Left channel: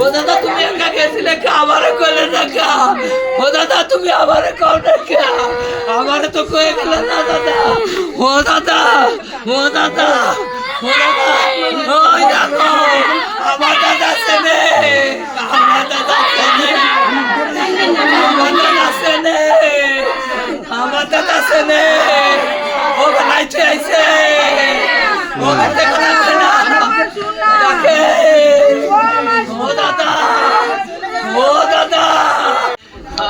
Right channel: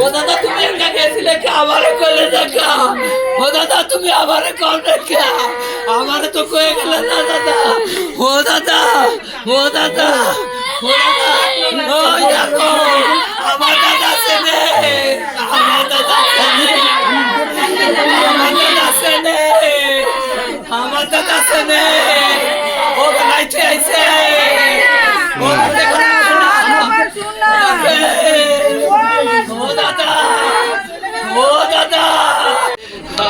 ও দাদা তুমি একা গেছিলে আমারে কইলে দেখা ও দাদা তুমি আমারে কল দেখা আমারে তো কয়ে গেলে না দাদা ও দাদা ও দাদা ও দাদা ওই দেখো আমার দাদা সেনে আমার দাদা সেনে আমার দাদা সেনে আমার দাদা সেনে ও বানাইছে আইছে ও দেখো না ও দাদা ও দাদা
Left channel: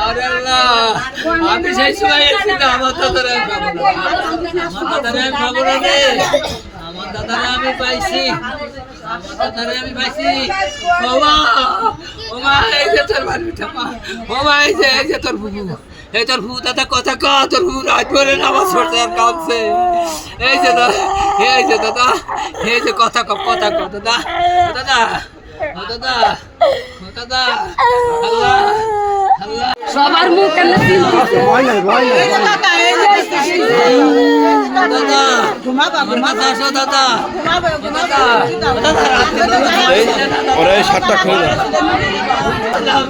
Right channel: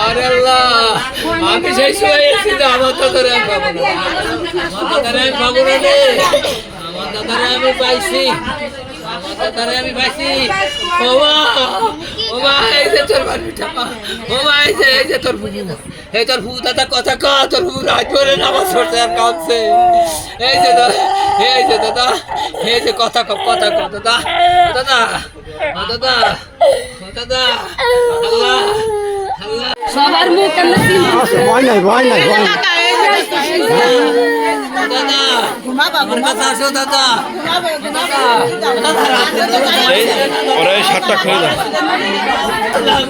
আরে আল্লাহ আমি সেই সময় এসেছি না আমার দাদারে আমি পাবো না আমার দাদারে আমি পাবো না রে আমার দাদারে আমি পাইছি আমার দাদারে আমি পাইছি ও মা এই যে তোর বাড়িটা মা ও মা এই যে তোর ফুফু এই তোর ফুফু দাদা কথা ক তোর ফুফু রাত করে নামাজ পড়তে আর কাঁদছে এই যে দাদা এই যে কথা ক দাদা দাদা দাদা দাদা আল্লাহ আল্লাহ সবার মুখ কেন চিনতেছে ভয় নাই দাদা ঘুমাবা দাদা ওরা সাতটা খুলে দাও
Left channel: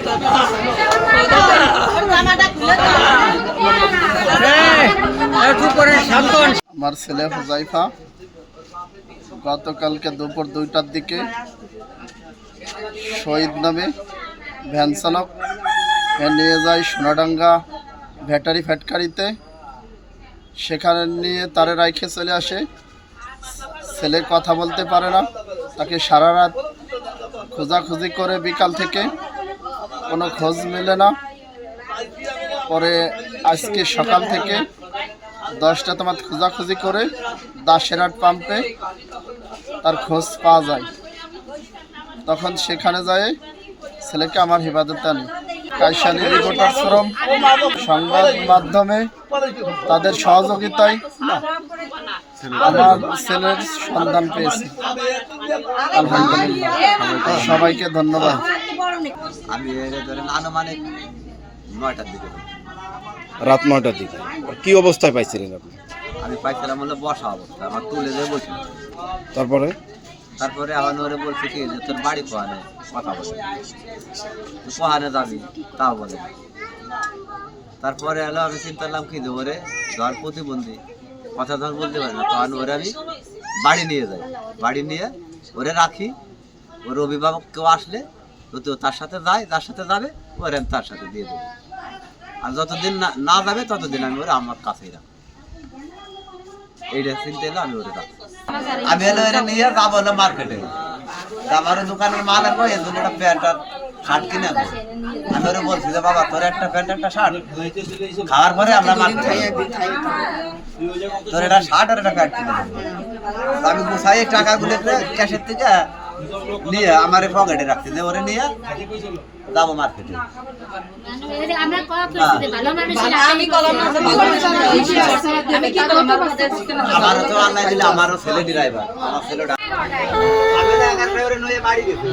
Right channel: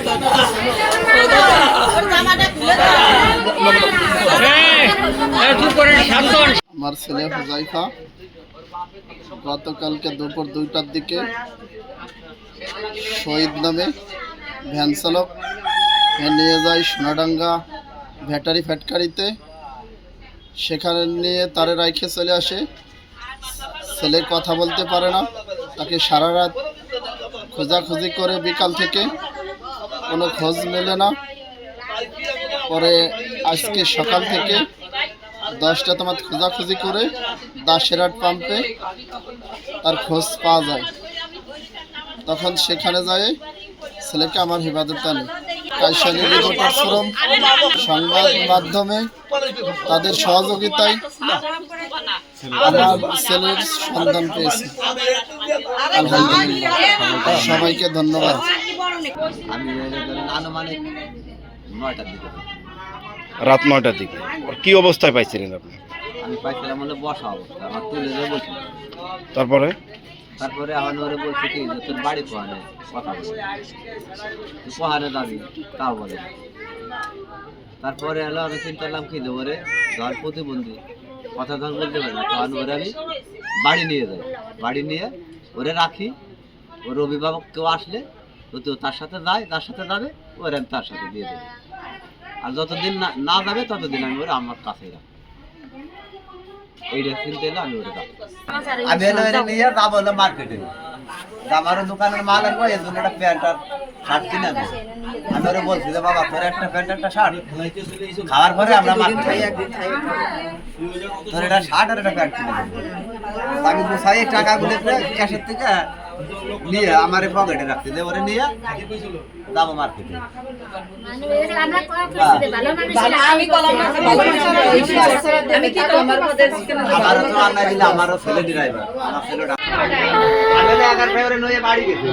আমার ছেলে হুজাইফা গতকালকে দুপুর 2টার দিকে শহীদ নামে ভ্যান চালক নিয়ে যায় সোনাডাঙ্গা ব্যাটারি ফ্যাক্টরিতে সেখানে নিয়ে তারে রাইখে চলে আসে ছেলে কথা বলতে পারে না তাকে সারা রাত খোঁজাখুঁজি করে বিকাল থেকে কোনো খোঁজ মেলে না পরে আজকে সকাল থেকে 10টা তোমার খোঁজাখুঁজি করে দাসেরহাট পাম্পে তার খোঁজ পাওয়া যায় তখন সেখানে যায় ছেলেকে আমার হেফাজতে আনে কাইসানি রিপোর্টার ফোরাম সংবাদ মাধ্যমে তাদের সহযোগিতায় আমার ছেলের সন্ধান পেয়েছি আলহামদুলিল্লাহ সবাইকে ধন্যবাদ আমি আনুমানিক 9টার দিকে রাত 9টার দিকে কি অবস্থায় পাইছিলেন আপনি আমি পাইছিলাম হলো বসা অবস্থা আমার তুলে দিয়ে বলছিল তারপরে আমার ওরে বলছে কি যে তোর বাড়ি কোহানে কথা বলে তুই কোহানে যাবি তাও বলে তারপরে এলো আমি চিন্তা করলাম কি যে ওরে ধর প্রতিবন্ধী কথা ধর বলতে পারি না তখন ওরে আমি বাড়ি নিয়ে যাই বাড়ি নিয়ে ওরে রাখি ওর অভিভাবক কেউ আসলে তো তার সাথে যায় যার সাথে যাবে ওরে আমি তার সাথে দিয়ে দেবো আর যতদিন না যাবে ততদিন আমি ওরা আমার কাছেই রাখবো এইটা চিনতে এলো আমি ওরে রাখবো আমি এলো এর নিয়ে যাবো হলো মার্কেটে আমারও দোকানের মাল আনবো এর জন্য একটা প্যান্ট আর শার্ট কিনে আনবো আমি ওরে বলছি যে বাবা তোর একটা প্যান্ট একটা শার্ট খাওয়ার পরে আমরা মার্কেটে তোর একটা শার্ট আর একটা প্যান্ট কিনে দেবো আমি গুছাই টাকাগুলো ক্যাশের থেকে নিয়ে আমার পকেটে রাখতে দে ওরে নিয়ে যাবো মার্কেটে আমারও তো আল্লাহ দিলে আমারও ছেলে ড্রাইভার আমার ছেলেটা বাড়ি গেছে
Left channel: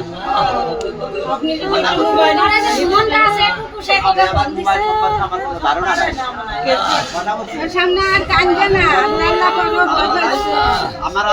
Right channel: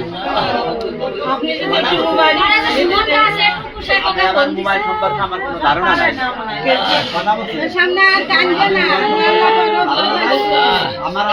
সামনে আর কানবে না আমার